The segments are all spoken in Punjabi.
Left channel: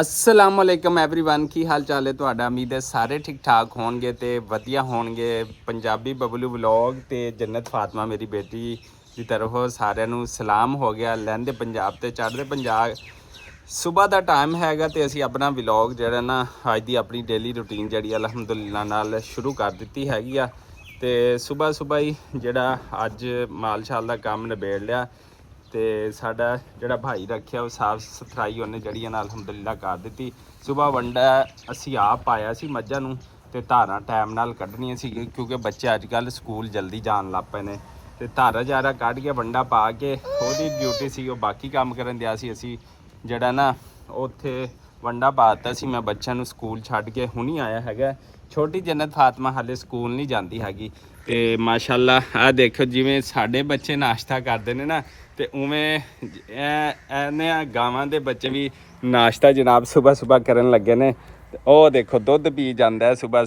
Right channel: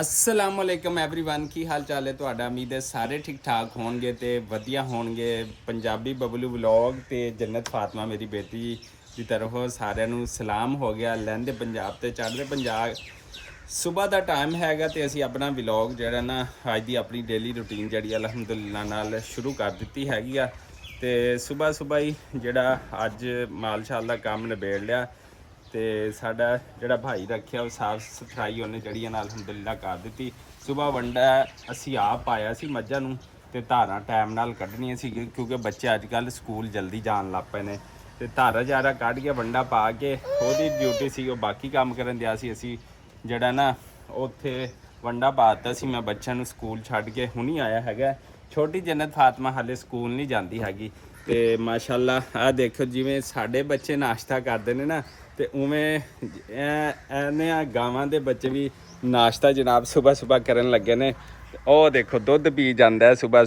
अस्सलामुअलैकुम एवरीवन की हाल चाल है ਤੁਹਾਡਾ ਉਮੀਦ ਹੈ ਸਾਰੇ ਠੀਕ ਠਾਕ ਹੋਣਗੇ ਤੇ ਵਧੀਆ ਹੋਣਗੇ। ਪੰਜਾਬੀ ਬਬਲੂ ਵਲੌਗ ਤੇ ਜੰਨਤ ਫਾਤਮਾ ਮੇਰੀ ਬੇਟੀ ਦੀ ਤਰਫੋਂ ਸਾਰਿਆਂ ਨੂੰ ਸਲਾਮ ਹੋ ਗਿਆ। ਲਹਿੰਦੇ ਪੰਜਾਬ ਤੇ ਚੜ੍ਹਦੇ ਪੰਜਾਬ ਸਵੇਰ ਦਾ ਟਾਈਮ ਹੈਗਾ ਤੇ ਅਸੀਂ ਆਪਣਾ ਵਲੌਗ ਜਿਹੜਾ ਨਾ ਅੱਜ ਦੀ ਆਪਣੀ ਡੇਲੀ ਰੂਟੀਨ ਜਿਹੜੀ ਅਲਹਮਦੁਲਿਲਾ ਨਾਲ ਸ਼ੁਰੂ ਕਰ ਦਿੱਤੀ ਹੈਗੀ ਆ। ਤੇ ਸਵੇਰ ਹੀ ਜਿਹੜਾ ਅੱਜ ਮਾਲਸ਼ਾਲ ਦਾ ਕੰਮ ਨਿਬੇੜ ਲਿਆ ਤੇ ਸਾਡਾ ਜਿਹੜਾ ਭਾਈ ਰੱਖਿਆ ਉਹ ਸਾਫ ਸਫਾਈ ਉਹਨੇ ਜਿਹੜੀ ਨਾਲ ਅਲਹਮਦੁਲਿਲਾ ਕਰ ਦਿੱਤੀ। ਸਵੇਰ ਵੰਡਾ ਅਸੀਂ ਆਪ ਪਾਇਆ ਸੀ ਮੱਝਾਂ ਨੂੰ ਤੇ ਧਾਰਾਂ ਟਾਈਮ ਨਾਲ ਕੱਢਣੀਆਂ ਸੀ ਕਿਉਂਕਿ ਬੱਚੇ ਅੱਜ ਕੱਲ੍ਹ ਸਕੂਲ ਜਲਦੀ ਜਾਣ ਲੱਗ ਪਏ ਨੇ ਤੇ ਧਾਰਾ ਜਾਰਾ ਕੱਢ ਕੇ ਵੰਡਾ ਪਾ ਕੇ ਉਹਦੀ ਡਿਊਟੀ ਸੀ ਉਹ ਬਾਕੀ ਕੰਮ ਕਰਨ ਦਿਆ ਸੀ। ਅਸੀਂ ਜਿਹੜਾ ਨਾ ਉੱਥੇ ਵੰਡਾ ਪਾਤਾ ਸੀ। ਮੈਂ ਬੱਚਿਆਂ ਨੂੰ ਸਕੂਲ ਛੱਡ ਕੇ ਹੁਣੀ ਆਇਆ ਹੈਗਾ। ਛੋਟੀ ਜੰਨਤ ਫਾਤਮਾ ਹਾਲੇ ਸਕੂਲ ਨਹੀਂ ਜਾਂਦੀ ਹੈਗੀ ਤੇ ਮਾਸ਼ਾਅੱਲਾ ਆਹ ਦੇਖੋ ਜਿਵੇਂ ਸਾਡੇ ਬੱਚੇ ਨਾਸ਼ਤਾ ਕਰਦੇ ਨੇ ਨਾ ਤੇ ਉਵੇਂ ਇਹਨੇ ਗਾਵਾਂ ਦੇ ਬੱਚੇ ਵੀ ਨਾਸ਼ਤਾ ਜਨਾਬ ਸਵੇਰ ਕਰਨ ਲੱਗੇ ਨੇ। ਉਹ ਦੇਖੋ ਦੁੱਧ ਪੀ ਜਾਂਦਾ ਸਵੇਰ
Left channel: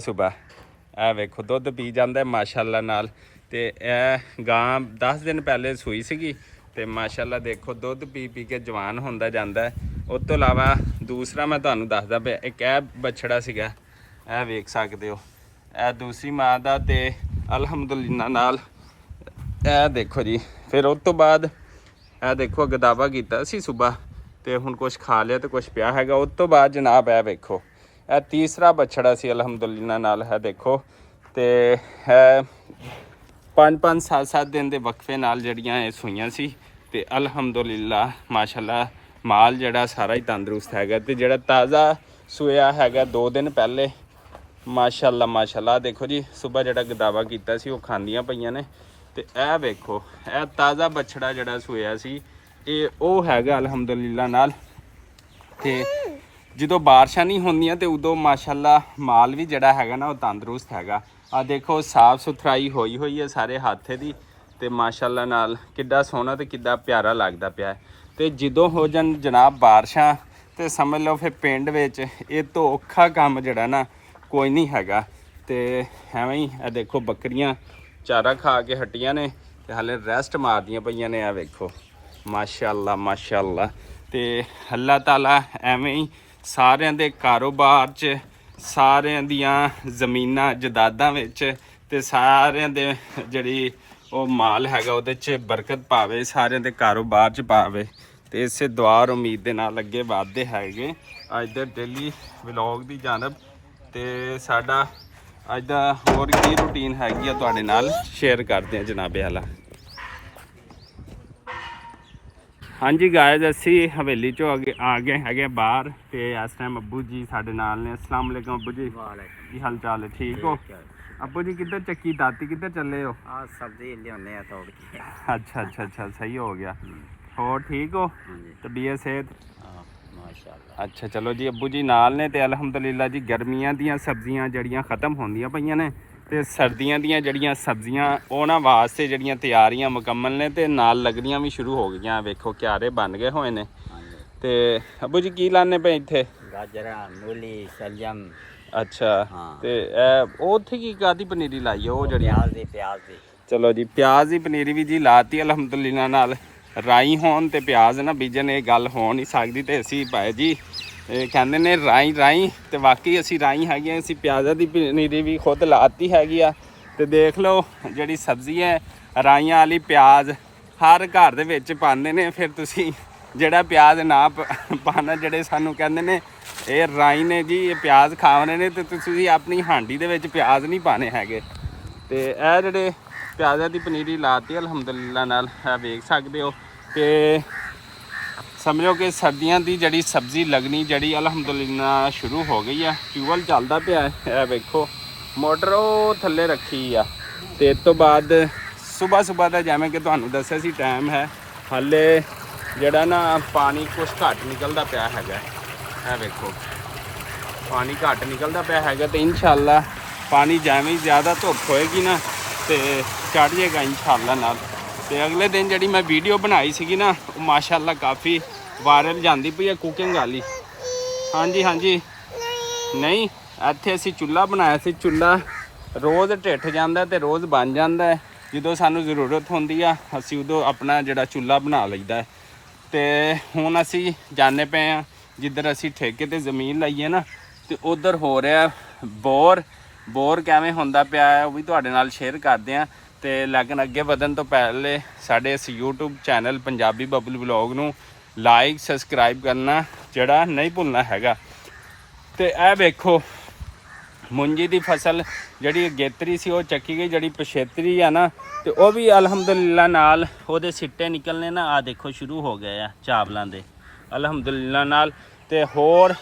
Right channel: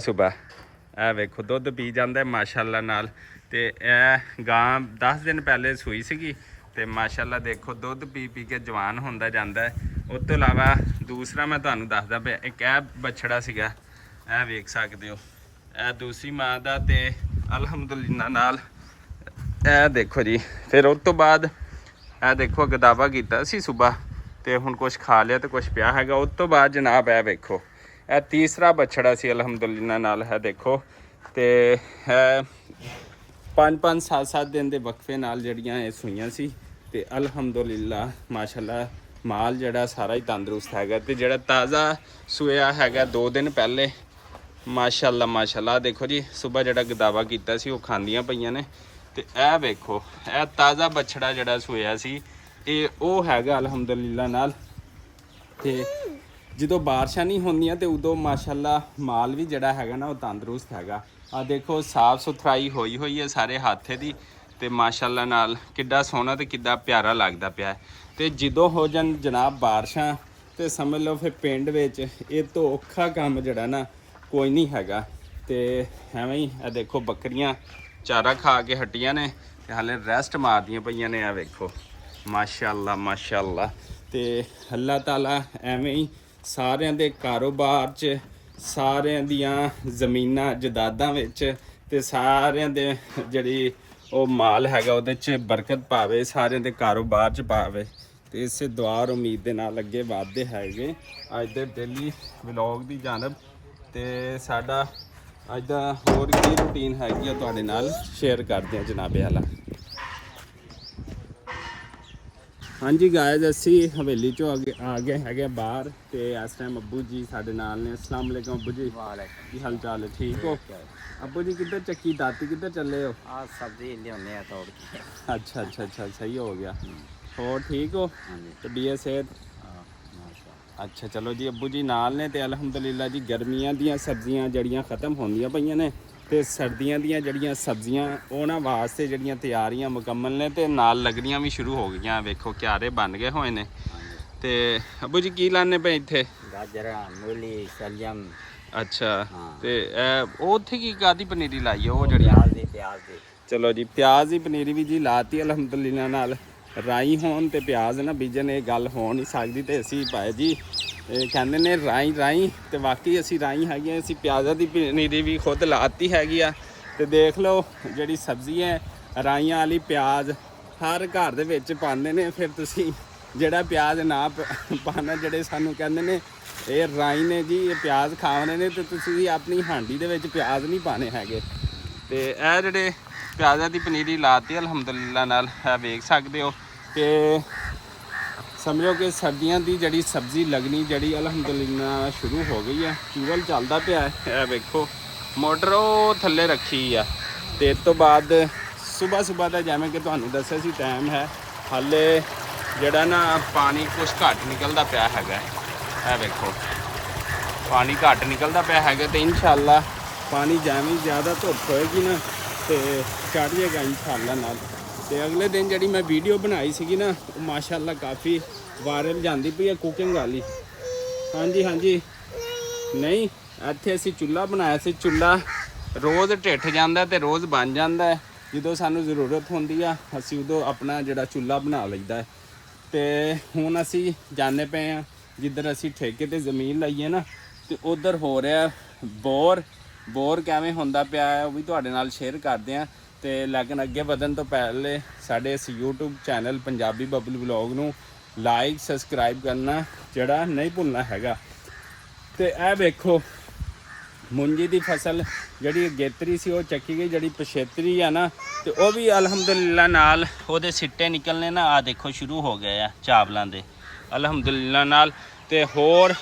ਇਹ ਵੇਖੋ ਦੁੱਧ ਪੀ ਜਾਂਦਾ ਮਾਸ਼ਾਅੱਲਾ ਨਾਲ। ਤੇ ਇਹ ਗਾਂ 10 ਦਿਨ ਪਹਿਲੇ ਸੂਈ ਸੀਗੀ ਤੇ ਮਾਸ਼ਾਅੱਲਾ ਦੇਖੋ ਦੁੱਧ ਪੀ ਪੀ ਕੇ ਜਵਾਨ ਹੁੰਦਾ ਜਾਂਦਾ। ਉਸ ਤੋਂ ਇਲਾਵਾ ਦੂਸਰਾ ਮੈਂ ਤੁਹਾਨੂੰ ਦੱਸਦਾ ਪਿਆ ਇੱਕ ਇਹ ਬੱਛੜਾ ਸੀਗਾ, ਇਹ ਵੇਖ ਸਕਦੇ ਹੋ ਇਹ ਦੂਸਰੀ ਮਾਂ ਦਾ ਤੇ ਅਲਹਮਦੁਲਿਲਾ ਨਾਲ ਇਹ ਦੇਖੋ ਜੀ। ਫਿਰ ਉਸ ਤੋਂ ਬਾਅਦ ਇਹ ਦੇਖੋ ਗਦਾਵਾ ਕੀਤਾ ਸੀ ਸਵੇਰ ਤੇ ਹੁਣ ਕੁਛ ਖਾ ਲਿਆ ਤੇ ਕੁਛ ਪਿਆ ਹੈਗਾ। ਉਸ ਤੋਂ ਬਾਅਦ ਜਨਾਬ ਇਹ ਵੇਖੋ ਇਹ ਤੀਸਰਾ ਬੱਛੜਾ ਸੀ ਅਲਹਮਦੁਲਿਲਾ ਨਾਲ। ਹੈ ਦੇਖੋ ਤੇ 5-5 7 ਦਿਨ ਦੇ ਵਕਫੇ ਨਾਲ ਜਿਹੜੀਆਂ ਇਹ ਸੂਈਆਂ ਸੀ ਤੇ ਅਲਹਮਦੁਲਿਲਾ ਮਾਸ਼ਾਅੱਲਾ ਮਾਲ ਜਿਹੜਾ ਸਾਰਾ ਹੀ ਤੰਦਰੁਸਤ ਹੈਗਾ। ਤੇ ਜਿਹੜਾ ਤਾਜ਼ਾ ਸੂਇਆ ਹੈਗਾ 2 ਦਿਨ ਪਹਿਲੇ ਮਾਸ਼ਾਅੱਲਾ ਦੇਖੋ ਜੀ ਸਵੇਰ ਜਿਹੜਾ ਗਦਾਵਾ ਕੀਤਾ ਸੀ ਉਹ ਖਾਂਦੀਆਂ ਪਈਆਂ ਨੇ। ਤੇ ਇਹ ਵੇਖੋ ਇਹ ਤਾਜ਼ਾ ਬੱਛੜਾ ਜਿਹੜਾ ਸੋਇਆ ਸੀ ਇਹ ਉਹ ਹੈਗਾ ਅਲਹਮਦੁਲਿਲਾ ਨਾਲ। ਤੇ ਜਦੋਂ ਬਾਰਿਸ਼ਾਂ ਨਹੀਂ ਹੁੰਦੀਆਂ ਤੇ ਉਦੋਂ ਮਾਸ਼ਾਅੱਲਾ ਮਾਲ ਵੀ ਜਿਹੜਾ ਹੈਗਾ ਨਾ ਉਹ ਤੰਦਰੁਸਤ ਹੈਗਾ। ਆ ਦੇਖੋ ਸਾਫ ਸੁਥਰਾਈ ਹੋਈ ਹੈ ਸਾਰੇ ਹੱਥੇ ਦੀ ਤੇ ਮਾਸ਼ਾਅੱਲਾ ਨਾਲ ਕਿੱਡਾ ਸੋਹਣਾ ਤੇ ਕਿੱਡਾ ਪਿਆਰਾ ਲੱਗਦਾ ਪਿਆ। ਤੇ ਜਦੋਂ ਹੋ ਜਾਣ ਜਨਾਬ ਬਾਰਿਸ਼ਾਂ ਤੇ ਸਮਝ ਲਓ ਫਿਰ ਪਿੰਡ ਵਿੱਚ ਇਹ ਤੋਂ ਔਖਾ ਕੰਮ ਜਿਹੜਾ ਨਾ ਕੋਈ ਨਹੀਂ ਹੈਗਾ। ਤੇ ਐਵੇਂ ਹੀ ਇਹ ਦੇਖੋ ਬੱਕਰੀਆਂ ਚਾਰਾ ਖਾ ਕੇ ਹਟੀਆਂ ਨੇ ਤੇ ਹਾਲੇ ਰੈਸਟ ਮਾਰਦੀਆਂ ਪਈਆਂ ਨੇ। ਆ ਵੇਖੋ ਮਾਸ਼ਾਅੱਲਾ। ਤੇ ਅੱਲਾਹ ਤਾਲਾ ਐਵੇਂ ਹੀ ਸਾਰਿਆਂ ਦੇ ਕਾਰੋਬਾਰ 'ਚ ਸਾਰਿਆਂ ਦੀਆਂ ਜ਼ਮੀਨਾਂ ਜਦਾਦਾਂ ਵਿੱਚ ਤੇ ਸਾਰਿਆਂ ਦੇ ਜਿਹੜੀ ਉਹ ਮਾਲ ਹੈਗਾ ਉਹਦੇ 'ਚ ਬਰਕਤ ਪਾਵੇ, ਸਾਰਿਆਂ ਦੇ ਕਾਰੋਬਾਰ 'ਚ ਪਾਵੇ। ਤੇ ਇਸੇ ਦੁਆ ਉਮੀਦ ਦੇ ਨਾਲ ਅੱਗੇ ਵਧਦੇ ਹੈਗੇ ਅੱਜ ਦੇ ਡੇਲੀ ਵਲੌਗ ਦੀ ਜਾਨਬ। ਤੇ ਸਾਡਾ ਅੱਜ ਦਾ ਹੋਰ ਕੀ ਰੂਟੀਨ ਹੈਗੀ ਆ ਤੁਹਾਡੇ ਨਾਲ ਸ਼ੇਅਰ ਕਰਦੇ ਹਾਂ ਜਨਾਬੇ ਆਲਾ। ਹਾਂਜੀ ਗਾਇਜ਼ ਅਸੀਂ ਹਵੇਲੀ ਚੋਂ ਆ ਗਏ ਹੈਗੇ ਬਾਹਰ ਤੇ ਇਸ ਟਾਈਮ ਅੱਬੂ ਜੀ ਸਾਡੇ ਨਾਲ ਨੇ। अस्सलाम वालेकुम ਅੱਬੂ ਜੀ, ਕੀ ਹਾਲ ਚਾਲ ਹੈ? ਠੀਕ ਹੋ ਅੱਬੂ ਜੀ? ਕਿੱਧਰ ਚੱਕੀ ਦਾਤੀ ਕਿੱਧਰ ਚੱਲੇ ਹੋ? ਸਬਜ਼ੀ ਲਿਆਉਂਦੇ ਆ ਤੋੜ ਕੇ। ਅੱਛਾ ਸਹੀ ਹੋ ਗਿਆ। ਹੋਰ ਠੀਕ ਹੋ? ਤਬੀਅਤ ਸਿਹਤ? ਮਾਸ਼ਾਅੱਲਾ। ਅੱਛਾ ਚਲੋ ਜੀ ਅੱਬੂ ਜੀ ਨਾਲ ਨੇ ਤੇ ਅਲਹਮਦੁਲਿਲਾ ਜੀ ਗਰਮੀਆਂ ਦੀਆਂ ਸਬਜ਼ੀਆਂ ਜਿਹੜੀਆਂ ਖ਼ਤਮ ਹੁੰਦੀਆਂ ਪਈਆਂ ਨੇ ਤੇ ਸਰਦੀਆਂ ਦੀਆਂ ਜਿਹੜੀਆਂ ਸਬਜ਼ੀਆਂ ਉਹਨਾਂ ਵਾਸਤੇ ਜਿਹੜੀਆਂ ਤਿਆਰੀਆਂ ਮੁਕੰਮਲ ਨੇ ਤੇ ਨਾਲ ਲੱਗਣੀਆਂ ਵੀ ਸ਼ੁਰੂ ਹੋ ਗਈਆਂ। ਵੇਖੋ ਕਿਆਰੇ ਬਣ ਗਏ ਹੋਏ ਨੇ। ਤੇ ਅੱਬੂ ਜੀ ਕੀ ਲਾਣੇ ਪਏ ਇੱਥੇ? ਗਾਜਰਾਂ, ਮੂਲੀ, ਸ਼ਲਜਮ। ਅੱਛਾ ਤੇ ਉਹ ਉੱਥੇ ਕੀ ਕਾਦੀ ਪਨੀਰੀ ਲਾਈ ਹੈ ਉਹ ਜਿਹੜੀਆਂ? ਪਿਆਜ਼ ਦੀ। ਚਲੋ ਜੀ ਪਿਆਜ਼ ਦੀ ਪਨੀਰੀ ਵੀ ਜੀ ਲਾਤੀ ਅਲਹਮਦੁਲਿਲਾ ਨਾਲ। ਰਾਈ ਹੋਣ ਤੇ ਪਿਆਜ਼ ਨਾ ਬੀਜਣ ਇਹ ਗੱਲ ਹੋ ਨਹੀਂ ਸਕਦੀ। ਤੇ ਅਸੀਂ ਭਾਈ ਜੀ ਕਹਿੰਦੇ ਨੇ ਰਾਈ ਤੇ ਵਾਕਈ ਅਸੀਂ ਰਾਈ ਹੈਗੇ। ਅਸੀਂ ਪਿਆਜ਼ਾਂ ਦੀ ਪਨੀਰੀ ਵੀ ਖੁਦ ਲਾਤੀ ਹੈਗੀ ਆ। ਤੇ ਦੇਖ ਲਓ ਜਿਹੜੀ ਸਬਜ਼ੀ ਹੈ ਰਾਈਆਂ ਵਾਲੀ ਪਿਆਜ਼ ਹਰ ਘਰ ਦੇ ਵਿੱਚ ਪਾਉਂਦੇ ਨੇ। ਫਿਰ ਤੁਸੀਂ ਜਿਹੜਾ ਪਿਆਜ਼ ਨਾ ਪਾਣਾ ਜਿਹੜੇ ਸਾਨੂੰ ਕਹਿੰਦੇ ਨੇ ਇਹ ਰਾਈ ਨੇ ਜੀ ਇਹ ਪਿਆਜ਼ ਖਾਣੇ ਨੇ ਤੇ ਤੁਸੀਂ ਆਪਣੀ ਹਾਂਡੀ ਦੇ ਵਿੱਚ ਪਿਆਜ਼ ਨਹੀਂ ਪਾਣੇ ਹੈਗੇ। ਤੇ ਇਹ ਜਿਹੜੇ ਪਿਆਜ਼ਾਂ ਦੀ ਪਨੀਰੀ ਲਾਤੀ ਅਲਹਮਦੁਲਿਲਾ ਨਾਲ ਵੇਖ ਸਕਦੇ ਹੋ। ਤੇ ਸਮਝੋ ਕਿ ਸਰਦੀਆਂ ਦੀ ਜਿਹੜੀ ਸਬਜ਼ੀ ਲੱਗਣੀ ਜਿਹੜੀ ਅਲਹਮਦੁਲਿਲਾ ਸ਼ੁਰੂ ਹੋ ਗਈ ਆ। ਟਿਊਬਵੈੱਲ ਚੱਲਦਾ ਪਿਆ ਇਹ ਵੇਖੋ ਮੋਟਰ ਉਹ ਥੱਲੇ ਰੱਖੀ ਆ। ਤੇ ਇਸ ਤੋਂ ਬਾਅਦ ਸਵੇਰ ਦਾ ਜਿਵੇਂ ਕਿ ਤੁਹਾਨੂੰ ਦੱਸਿਆ ਸੀ ਟਾਈਮ ਹੈ ਹਾਲੇ ਜਿਹੜਾ ਨਾ ਪਾਣੀ ਕੁਛ ਘੱਟ ਨਿਕਲਦਾ ਪਿਆ ਹੈਗਾ। ਇਹ ਵੇਖੋ ਪਾਣੀ ਘੱਟ ਨਿਕਲਦਾ ਪਿਆ ਹੈਗਾ ਤੇ ਇਨਸ਼ਾਅੱਲਾ ਪਾਣੀ ਜਿਵੇਂ ਜ਼ਿਆਦਾ ਧੁੱਪ ਹੋਏਗੀ ਨਾ ਤੇ ਚੜ ਜਾਏਗਾ ਇਨਸ਼ਾਅੱਲਾ ਨਾਲ। ਤੇ ਅਗਲੇ ਦਿਨ ਜਿਹੜੀ ਮੈਂ ਵੀਡੀਓ ਬਣਾਈ ਸੀਗੀ ਨਾ ਉਹ ਮਾਸ਼ਾਅੱਲਾ ਕਾਫੀ ਵਾਇਰਲ ਜਾਂਦੀ ਪਈ ਹੈ ਕੁਕਿੰਗ ਵਾਲੀ। ਹਾਂਜੀ ਨਹੀਂ ਇੱਥੇ ਅਸੀਂ ਚੁੱਲ੍ਹਾ ਬਣਾਇਆ ਸੀ। ਚੁੱਲ੍ਹਾ ਰੋਜ਼ ਢਿੱਠ ਜਾਂਦਾ ਤੇ ਰੋਜ਼ ਬਣ ਜਾਂਦਾ। ਜਦੋਂ ਸਾਨੂੰ ਜ਼ਰੂਰਤ ਹੁੰਦੀ ਆ ਅਸੀਂ ਉਦੋਂ ਆਪਣਾ ਜਿਹੜਾ ਚੁੱਲ੍ਹਾ ਬਣਾ ਲਈਦਾ। ਤੇ ਹੁਣ ਅਸੀਂ ਜਾਂਦੇ ਪਏ ਹਾਂ ਜਿੱਧਰ ਅਸੀਂ ਠੇਕੇ ਤੇ ਜ਼ਮੀਨ ਲਈ ਹੈ ਨਾ, ਤੇ ਉਧਰ ਹੋ ਰਿਹਾ ਬੋਰ ਕਿਵੇਂ ਹੁੰਦਾ ਪਿਆ ਹੈ ਉਹ ਵੀ ਤੁਹਾਡੇ ਨਾਲ ਸ਼ੇਅਰ ਕਰਦੇ ਆ। ਤੇ ਲੇਕਿਨ ਅੱਗੇ ਵਧਣ ਤੋਂ ਪਹਿਲੇ ਸਾਡੇ ਇਸ YouTube channel Punjabi Bablu vlog ਨੂੰ ਲਾਈਕ ਸਬਸਕ੍ਰਾਈਬ ਕਰਨਾ ਜਿਹੜਾ ਨਹੀਂ ਭੁੱਲਣਾ ਹੈਗਾ। ਤੇ ਇਹ ਵੇਖੋ ਮੁੰਜੀ ਦੀ ਫਸਲ ਜਿਹੜੀ ਅਗੇਤਰੀ ਸੀ ਉਹ ਚੱਕੀ ਗਈ, ਜਿਹੜੀ ਪਛੇਤਰੀ ਆ ਨਾ ਤੇ ਉਹ ਵੀ ਅਲਹਮਦੁਲਿਲਾ ਨਾਲ ਉਹਦੇ ਸਿੱਟੇ ਨਿਕਲਨੇ ਨਾ ਆ ਦੇਖੋ ਸ਼ੁਰੂ ਹੋ ਗਏ ਆ ਚਾਵਲਾਂ ਦੇ ਅਲਹਮਦੁਲਿਲਾ ਨਾਲ। ਤੇ ਹੋਰ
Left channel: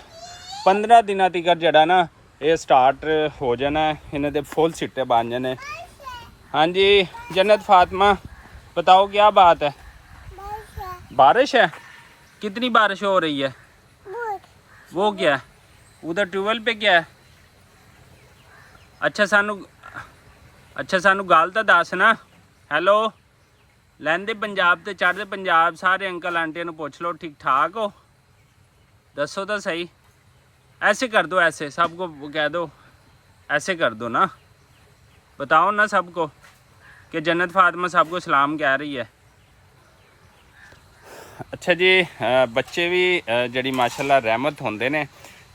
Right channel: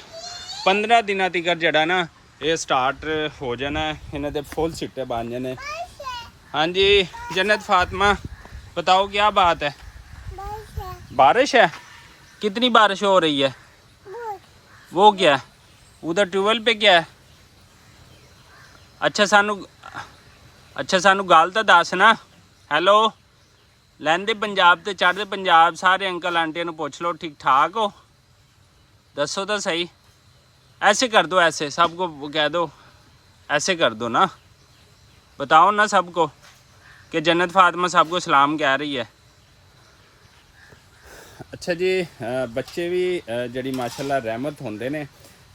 15 ਦਿਨਾਂ ਤੱਕ ਜਿਹੜਾ ਨਾ ਇਹ ਸਟਾਰਟ ਹੋ ਜਾਣਾ, ਇਹਨਾਂ ਦੇ ਫੁੱਲ ਸਿੱਟੇ ਬਣ ਜਾਣੇ। हाँ जी जन्नत फातिमा बताओ क्या बात है? बारिश है? कितनी बारिश हो रही है? वो क्या है उधर ट्यूबवेल पे क्या है? अच्छा सानू गल तो दस ना। हैलो लैंदे पंजाब ते चढ़दे पंजाब सारे अंकल आंटियां नू पुछ लो ठीक ठाक हो, दसो तो सही। ऐसे कर दो, ऐसे सबको कह दो, ऐसे कर दो ना, बताओ ना सबको कि जन्नत फातिमा सबको सलाम कह रही है। अच्छा जी बच्चे भी जड़ी माशाल्लाह रहमत होंदे ने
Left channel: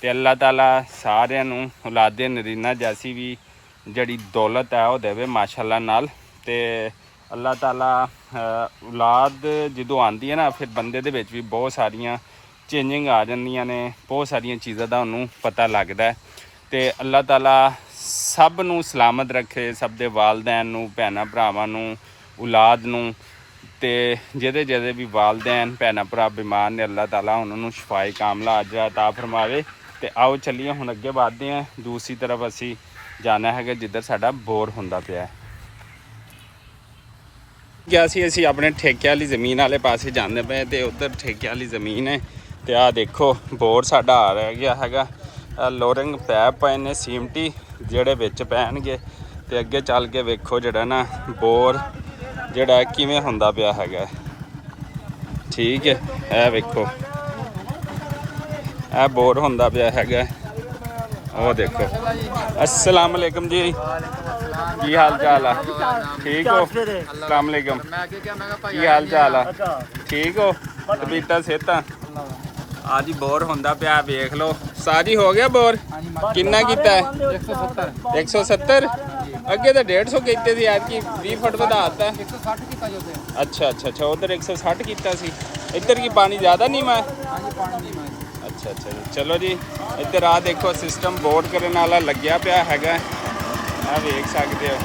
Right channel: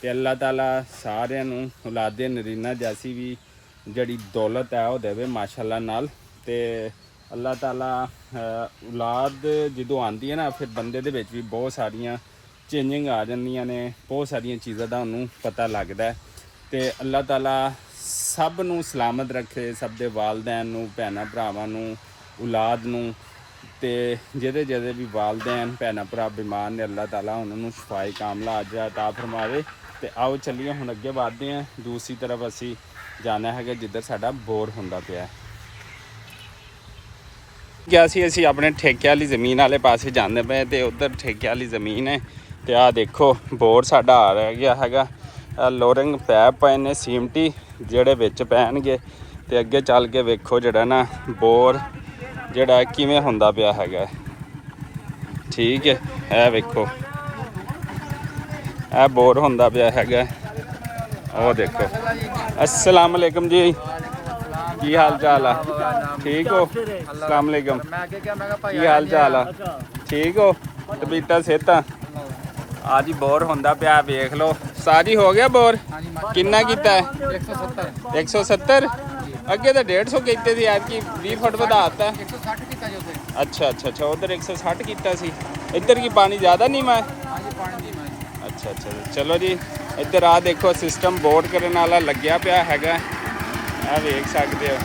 ते अल्लाह ताला सारिਆਂ ਨੂੰ औलादे नरीना जैसी भी जड़ी दौलत है वो देवे माशाल्लाह नाल। ते अल्लाह ताला औलाद ਜਦੋਂ ਆਂਦੀ ਹੈ ਨਾ ਫਿਰ ਬੰਦੇ ਦੇ ਵਿੱਚ ਵੀ ਬਹੁਤ ਸਾਰੀਆਂ ਚੇਂਜਿੰਗ ਆ ਜਾਂਦੀਆਂ ਨੇ, ਬਹੁਤ ਸਾਰੀਆਂ ਚੀਜ਼ਾਂ ਦਾ ਉਹਨੂੰ ਪਤਾ ਲੱਗਦਾ। ਤੇ ਅੱਲਾਹ ਤਾਲਾ ਸਭ ਨੂੰ ਸਲਾਮਤ ਰੱਖੇ, ਸਭ ਦੇ ਵਾਲਦੈਨ ਨੂੰ, ਭੈਣਾਂ ਭਰਾਵਾਂ ਨੂੰ, ਔਲਾਦ ਨੂੰ। ਤੇ ਜਿਹਦੇ ਵੀ ਵਾਲਦੈਨ ਭੈਣਾਂ ਭਰਾ ਬਿਮਾਰ ਨੇ ਅੱਲਾਹ ਤਾਲਾ ਉਹਨਾਂ ਨੂੰ ਸ਼ਿਫਾਏ ਕਾਮਲਾ ਅਜਰ ਅਤਾ ਫਰਮਾਵੇ। ਤੇ ਆਓ ਚੱਲੀਏ ਹੁਣ ਅੱਗੇ ਵਧਦੇ ਹਾਂ। ਦੂਸਰੀ ਤਰਫ ਅਸੀਂ ਜਾਣਾ ਹੈਗਾ ਜਿੱਧਰ ਸਾਡਾ ਬੋਰ ਹੁੰਦਾ ਪਿਆ ਹੈ। ਗਿਆ ਸੀ ਅਸੀਂ ਆਪਣੇ ਠੇਕੇ ਵਾਲੀ ਜ਼ਮੀਨ ਵਾਲੇ ਪਾਸੇ ਜਾਂਦੇ ਪਏ ਤੇ ਉਧਰ ਠੇਕੇ ਵਾਲੀ ਜ਼ਮੀਨ ਹੈ। ਤੇ ਆਹ ਦੇਖੋ ਬੋਰ ਸਾਡਾ ਆ ਰਹਿ ਗਿਆ ਹੈਗਾ। ਲੋਰਿੰਗ ਪੈਪ ਪਏ ਨੇ ਸੀਮਟੀ ਜਿਹੜੇ ਵਿੱਚ ਪੈਣਗੇ। ਤੇ ਅੱਗੇ ਚੱਲ ਕੇ ਵੇਖੋ ਜਿਹੜਾ ਨਾ ਬੋਰ ਜਿਹੜਾ ਕਿਵੇਂ ਹੁੰਦਾ ਪਿਆ ਹੈਗਾ। ਠੀਕ ਹੈ ਇਹ ਵੇਖੋ ਇਹ ਬੋਰ ਹੁੰਦਾ ਪਿਆ ਹੈਗਾ। ਉਹ ਦੇਖੋ अस्सलाम वालेकुम जी, की हाल चाल है? ठीक हो? अस्सलाम वालेकुम, की हाल चाल है? ठीक हो? तबीयत सेहत आज ही बोर होंदा पिया वेख लो। साजी हो गया बोर? किन्ना कीता है? 170 अगे तो 150 कीते सी, यार की 20 फुट वधाता। 160 कीता जो ते। अच्छा उधर 160 कीता सी। इधर की पानी ज़्यादा नहीं मैं? हाँ जी पानी नहीं मैं। अच्छा चलो जी इधर आ देखो सिस्टम बोर करने वाला लग्या पिया हैगा। आ वेख सकते हो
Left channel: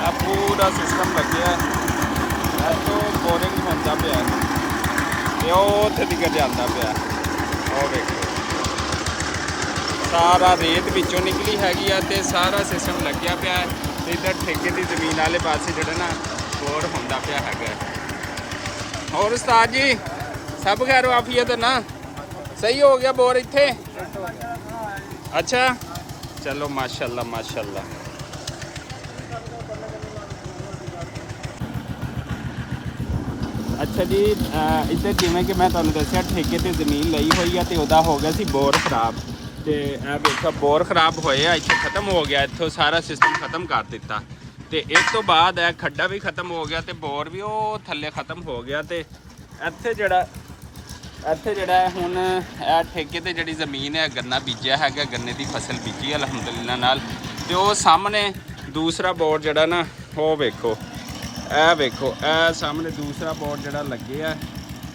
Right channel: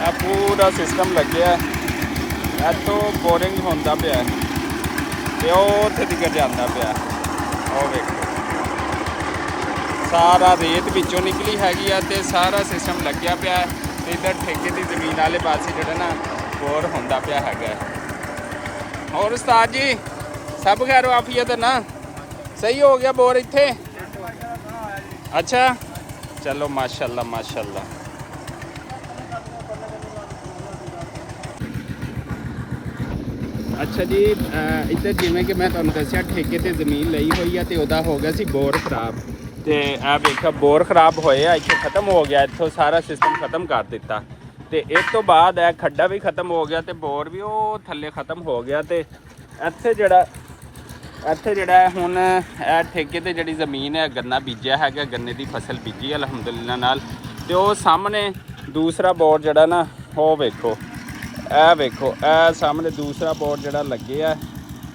आ पूरा सिस्टम लग्या है। तो बोरिंग होंदा पिया ते उत्थे तक जांदा पिया। ओ वेखो सारा रेत विचों निकली हैगी आ ते सारा सिस्टम लग्या पिया है। ते इधर ठेके की जमीन वाले पासे जिहड़ा ना बोर होंदा पिया हैगा। और उस्ताद जी सब खैर आफियत ना? सही हो गया बोर इत्थे? अच्छा चलो माशाल्लाह माशाल्लाह। अच्छा जी इधर जिमें कि मैं तुहानूं दस्सिया ठेके ते ज़मीन लई हुई है तो वह हो गया सी बोर खराब। तो यह देखो बोर खराब होया इत्थों ख़त्म हो गया, इत्थों सारा सिस्टम ख़त्म कर दिता। तो इस तो बाद यह खड्डा भी ख़त्म हो गया तो बोर भी वो थल्ले ख़त्म हो गया। तो इत्थे जिहड़ा हुण ठेके ते जिहड़ी ज़मीन है गन्ना बीजिया है, गन्ने की फसल बीजी अलहमदुलिल्लाह नाल। तो वो सामने दूसरा बोर जिहड़ा ना वो वेखो ए सामने दूसरा बोर जिहड़ा लगे है।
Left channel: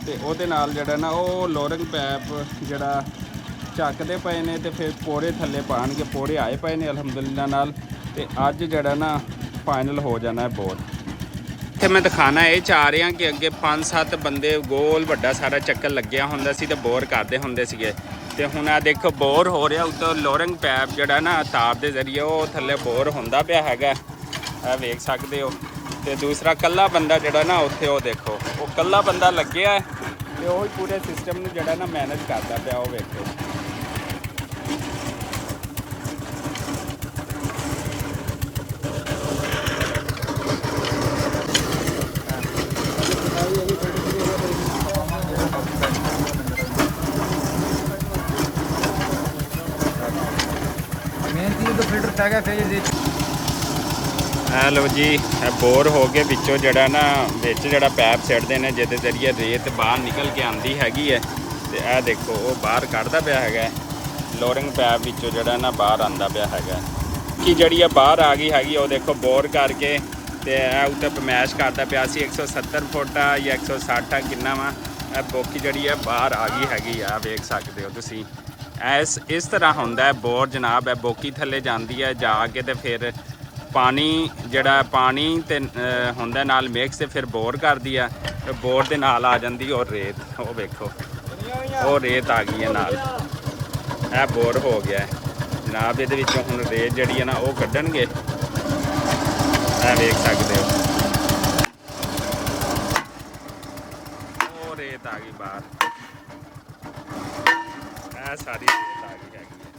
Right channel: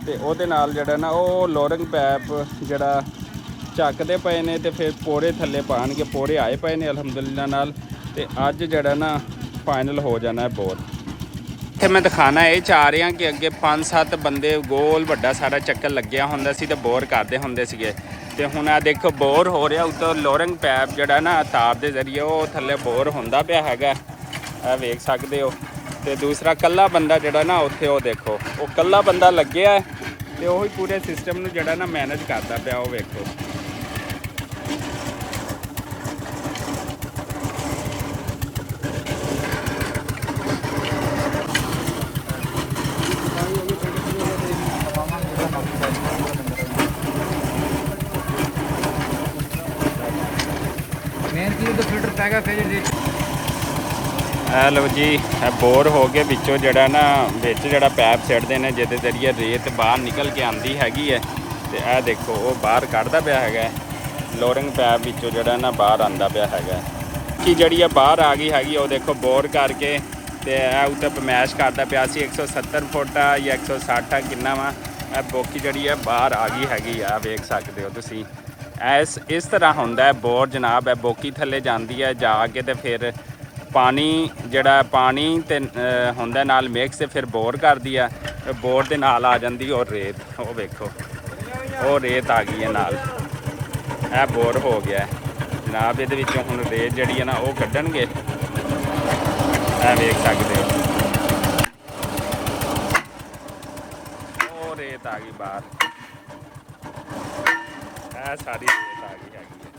तो उहदे नाल जिहड़ा ना वो लोरिंग पैप जिहड़ा ਚੱਕਦੇ ਪਏ ਨੇ ਤੇ ਫਿਰ ਪੋੜੇ ਥੱਲੇ ਪਾਣਗੇ। ਪੋੜੇ ਆਏ ਪਏ ਨੇ ਅਲਹਮਦੁਲਿल्लाह ਨਾਲ। ਤੇ ਅੱਜ ਜਿਹੜਾ ਨਾ ਫਾਈਨਲ ਹੋ ਜਾਣਾ ਹੈ ਬੋਰ। ਇੱਥੇ ਮੈਂ ਦਿਖਾਣਾ ਇਹ ਚਾਹ ਰਿਹਾ ਕਿ ਅੱਗੇ 5-7 ਬੰਦੇ ਗੋਲ ਵੱਡਾ ਸਾਰਾ ਚੱਕਰ ਲੱਗਿਆ ਹੁੰਦਾ ਸੀ ਤੇ ਬੋਰ ਕਰਦੇ ਹੁੰਦੇ ਸੀਗੇ। ਤੇ ਹੁਣ ਆ ਦੇਖੋ ਬੋਰ ਹੋ ਰਿਹਾ ਉੱਤੋਂ ਲੋਰਿੰਗ ਪੈਪ ਜਿਹੜਾ ਨਾ ਤਾਪ ਦੇ ਜ਼ਰੀਏ ਉਹ ਥੱਲੇ ਬੋਰ ਹੁੰਦਾ ਪਿਆ ਹੈਗਾ। ਇਹ ਵੇਖ ਸਕਦੇ ਹੋ। ਤੇ ਦੂਸਰਾ ਕੱਲਾ ਬੰਦਾ ਜਿਹੜਾ ਨਾ ਉੱਥੇ ਉਹ ਦੇਖੋ ਉਹ ਕੱਲਾ ਬੰਦਾ ਲੱਗਿਆ ਤੇ ਉਹ ਹੀ ਪੂਰੇ ਸਿਸਟਮ ਨੂੰ ਜਿਹੜਾ ਨਾ ਮੈਨੇਜ ਕਰਦਾ ਪਿਆ। ਉਹ ਵੇਖੋ मेन चीज़ तो फिल्टर पै गया फिर लो जी बोर हो गए विचों जड़ा ना विच जड़ा पैप सिटते हैं जिहदे जरिए रेत बाहर निकल के आती हैगी है। ਤੇ ਇਹ ਦੇਖੋ ਉਹ ਬਾਹਰ ਕੱਢਦਾ ਪਿਆ ਹੈਗਾ ਲੋਰਿੰਗ ਪੈਪ ਵਿੱਚੋਂ ਜਿਹੜਾ ਨਾ ਬਾਹਰ ਆਂਦਾ ਪਿਆ ਹੈਗਾ ਕਿ ਜਿਹੜੀ ਆ ਬਾਹਰ ਆ ਗਈ ਹੈਗੀ ਉਹ ਦੇਖੋ ਬੋਰ ਕਰਕੇ ਤੇ ਇਹ ਉੱਤੇ ਪਮੈਸ਼ ਕਰਦਾ ਪਿਆ ਸੀ 170 ਫੁੱਟ ਆ ਜਾਂ 160 ਆ ਕਿੰਨਾ ਵਾ ਇਹ ਬੋਕੀ ਜਿਹੜੀ ਆ ਬਾਹਰ ਆ ਗਈ ਹੈਗੀ ਆ ਵੇਖ ਸਕਦੇ ਹੋ ਤੁਸੀਂ ਇਸ ਤਰ੍ਹਾਂ ਹੁੰਦਾ ਹੈ ਬੋਰ ਜਨਾਬ ਹੈ ਬੋਕੀ ਥੱਲੇ ਜਾਂਦੀ ਹੈ ਜਾ ਕੇ ਤੇ ਫਿਰ ਪਾਣੀ ਜਿਹੜਾ ਪਾਣੀ ਤੇ ਹੁੰਦਾ ਨਾਲ ਮਿਕਸ ਤੇ ਫਿਰ ਬੋਰ ਕਰਦੀ ਆ ਬੋਰ ਦੇ ਨਾਲ ਆ ਜਾਂਦੀ ਔਰ ਰੇਤ ਉਹ ਵੇਖੋ ਉਹ ਰੇਤ ਆ ਗਈ ਹੈ ਨਾਲ ਇਹ ਬੋਰ ਹੋ ਗਿਆ ਜਨਾਬ ਇਹਦੇ ਵਿੱਚੋਂ ਹੁਣ ਰੇਤ ਜਿਹੜੀ ਹੈ ਨਾ ਉਹ ਕੱਢਣਗੇ ਇਹ ਵੇਖ ਸਕਦੇ ਹੋ ਉਹ ਰੇਤ ਆ ਗਈ ਬਾਹਰ ਇਹ ਸਾਰੀ ਰੇਤ ਆ ਗਈ ਹੈਗੀ ਹੈ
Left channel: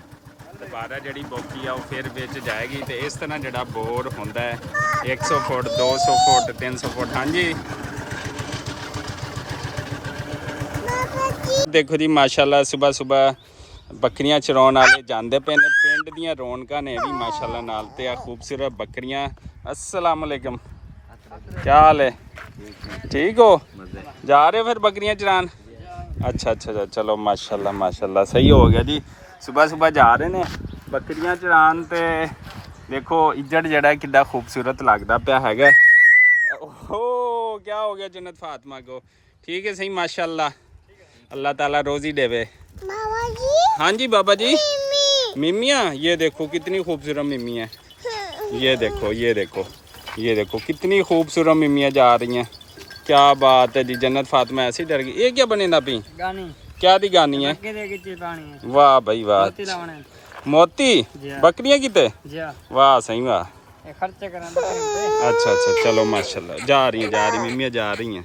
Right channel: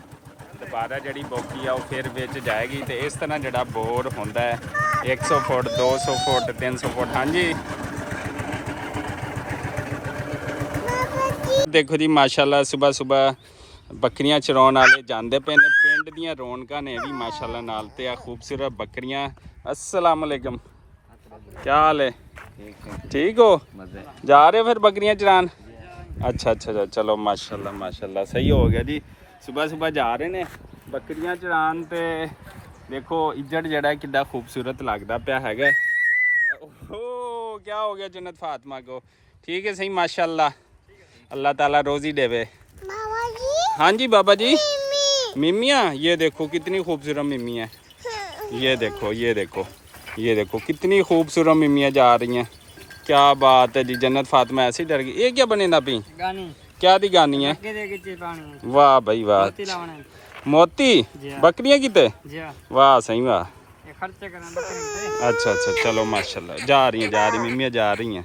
ਦੁਬਾਰਾ ਜਿਹੜੀ ਬੋਕੀ ਆ ਉਹ ਫਿਰ ਵਿੱਚ ਜਾਏਗੀ ਤੇ ਇਸ ਤਰ੍ਹਾਂ ਜਿਹੜਾ ਬੋਰ ਹੁੰਦਾ ਹੈ 100 ਫੁੱਟ 200 ਫੁੱਟ 300 ਫੁੱਟ ਹਾਂਜੀ ਦੇਖੋ ਜੀ ਮਾਸ਼ਾਅੱਲਾ ਸਵੇਰ ਬੱਕਰੀਆਂ ਚਰਾਉਣ ਵਾਲੇ ਜਾਂਦੇ ਪਏ ਨੇ ਪਿੰਡ ਦੀਆਂ ਰੌਣਕਾਂ ਨੇ ਵੀ ਮਾਸ਼ਾਅੱਲਾ ਨਾਲ ਤੇ ਆ ਖੂਬਸੂਰਤ ਬੱਕਰੀਆਂ अस्सलाम वालेकुम क्या हाल है ठीक हो जा रहे हो फिर बकरियां चरान अच्छा चलो माशाल्लाह सही हो गया जी सुबह जा रहे ने बकरियां चरान ते देखो इज्जड़ जड़ा कितना खूबसूरत लगता पिया हैगा ओ क्या हो गया जन्नत फातिमा को ठीक है सही माशाल्लाह अल्लाह ताला रोज़ी देवे हाँ जी बाबा जी मिमियाँ ये देखो कितनी खूबसूरत मिमी है ये देखो कितनी खूबसूरत मिमियाँ जा रही हैं क्या बात है जी जन्नत फातिमा ऐसी डर गई ये क्या बने ना पी गानी क्या दी गानी है वाह भाई वाह मोती बकरियां किते वाह सही वाह अच्छा चलो माशाल्लाह जा रही मिमियाँ जा रही हैं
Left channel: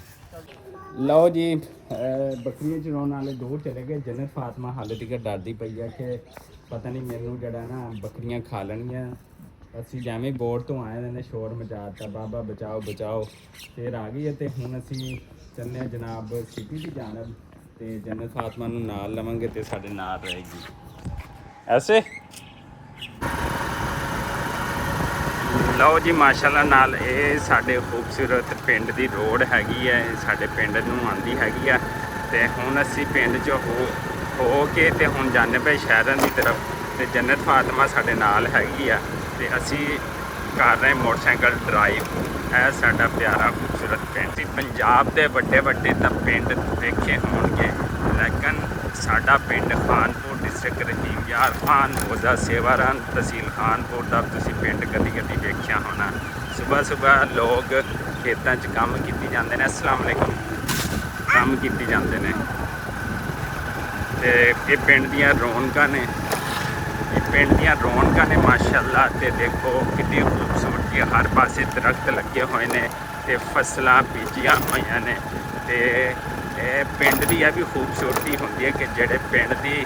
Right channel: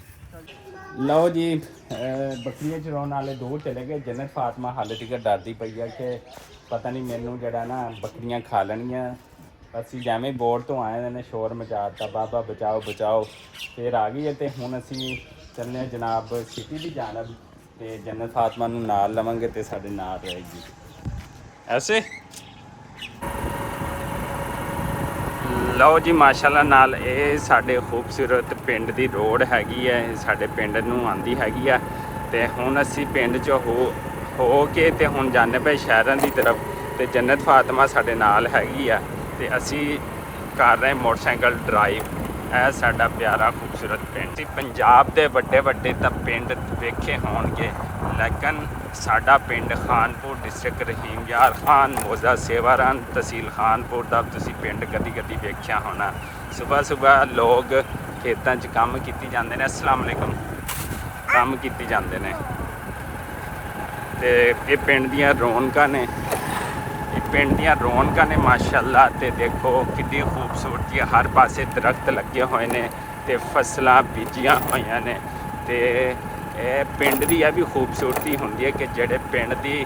लो जी बकरियां चराने वाले दो चले गए जन्नत फातिमा हाले तक डरदी पई है कि पता नहीं मैनू जड़ा ना बकरियां खा लैणियां ਅਸੀਂ ਜਿਵੇਂ ਬੋਰਡ ਤੋਂ ਆਏ ਨੇ ਸ਼ੋਰ ਮਚਾ ਦਿੱਤਾ ਬਾਬਾ ਬਚਾਓ ਫਿਰ ਆ ਗਈ ਤੇ ਹੁਣ ਅਸੀਂ ਚੱਲਨੇ ਜਨਾਬ ਸਿਟੀ ਦੀ ਜਾਣਬ ਤੇ ਜੰਨਤ ਫਾਤਿਮਾ ਨੂੰ ਨਾਲ ਲਵਾਂਗੇ ਤੇ ਸਾਡੇ ਨਾਲ ਰਹੇਗੀ ਐਸੇ ਲਓ ਜੀ ਮਾਸ਼ਾਅੱਲਾ ਨਾਲ ਇਹ ਸਾਡੇ ਖੂਬਸੂਰਤ ਪਿੰਡ ਦੀ ਰੋਡ ਹੈਗੀ ਹੈ ਸਾਡੇ ਪਿੰਡ ਨੂੰ ਆਂਦੀ ਹੈਗੀ ਆ ਤੇ ਹੁਣ ਅਸੀਂ ਪਿੰਡ 'ਚ ਹੋ ਕੇ ਤੇ ਹੁਣ ਜਾਂਦੇ ਪਏ ਸ਼ਹਿਰਾਂ ਦੀ ਤਰਫ ਤੇ ਜੰਨਤ ਫਾਤਿਮਾ ਸਾਡੇ ਨਾਲ ਹੈਗੀ ਆ ਤੇ ਅਸੀਂ ਕਰ ਰਹੇ ਮੋਟਰਸਾਈਕਲ ਡਰਾਈਵ ਇਹ ਸਾਡਾ ਪਿਆਰਾ ਖੂਬਸੂਰਤ ਪਿੰਡ ਪੰਜਾਬ ਦੇ ਵੱਡੇ ਤਾਂ ਪਿੰਡ ਦੇਖੇ ਹੋਣਗੇ ਲੇਕਿਨ ਸਾਡਾ ਪਿੰਡ ਖਾਨਪੁਰ ਡਿਸਟ੍ਰਿਕਟ ਰਹੀਮ ਯਾਰ ਖਾਨ ਮੋਜ਼ਾ ਸੇਵਾਰਨ ਤਹਿਸੀਲ ਖਾਨਪੁਰ ਦਾ ਤੁਸੀਂ ਪਿੰਡ ਕਦੀ ਵੇਖਿਆ ਹੋਣਾ ਸਵੇਰ ਲੋਕ ਖੇਤਾਂ 'ਚ ਕੰਮ ਕੀਤੀ ਜਾਂਦੇ ਨੇ अस्सलाम वालेकुम ਕੰਮ ਕੀਤੀ ਜਾਂਦੇ ਨੇ ਤੇ ਇਹ ਪਿੰਡ ਦੀਆਂ ਰੌਣਕਾਂ ਨੇ ਮਾਸ਼ਾਅੱਲਾ ਤੇ ਦੇਖੋ ਕਿੰਨੀ ਖੂਬਸੂਰਤੀ ਹਰ ਪਾਸੇ ਦਰਖਤ ਲੱਗੇ ਹੋਏ ਨੇ ਤੇ ਫਸਲਾਂ ਬੀਜੀਆਂ ਹੋਈਆਂ ਨੇ ਤੇ ਇਹ ਪਿੰਡ ਦੀ ਇਹ ਵੀ ਖੂਬਸੂਰਤੀ ਹੁੰਦੀ ਹੈ ਕਿ ਜਿਹੜੇ ਪਿੰਡ ਦੀ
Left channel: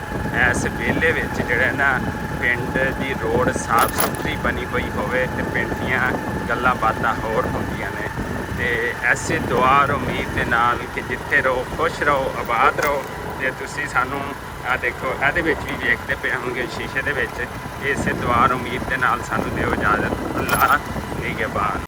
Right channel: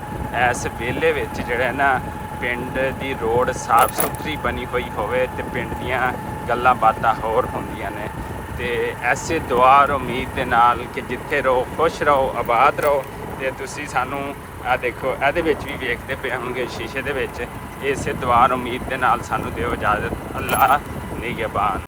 ਇਸ ਵੇਲੇ ਵਿੱਚ ਜਿਹੜਾ ਨਾ ਪਿੰਡ ਦੀ ਰੋਡ ਸਾਫ਼ ਸੁਥਰੀ ਬਣੀ ਹੋਈ ਹੋਵੇ ਤੇ ਪਿੰਡ ਦੀਆਂ ਗੱਲਾਂ ਬਾਤਾਂ ਹੋਰ ਹੁੰਦੀਆਂ ਨੇ ਤੇ ਐਸੇ ਦੁਆ ਔਰ ਉਮੀਦ ਦੇ ਨਾਲ ਕਿ ਜਿੱਥੇ ਰਹੋ ਖੁਸ਼ ਰਹੋ ਆਬਾਦ ਰਹੋ ਤੇ ਤੁਸੀਂ ਸਾਨੂੰ ਆ ਦੇਖੋ ਇਹਦੇ ਵਿੱਚ ਵੀ ਵੇਖਦੇ ਪਏ ਹੋਣਗੇ ਸ਼ੀਸ਼ੇ ਦੇ ਵਿੱਚ ਇਸੇ ਦੁਆ ਉਮੀਦ ਦੇ ਨਾਲ ਸਾਨੂੰ ਦਿਓ ਇਜਾਜ਼ਤ ਅੱਲਾਹ ਨਿਗਹਿਬਾਨ।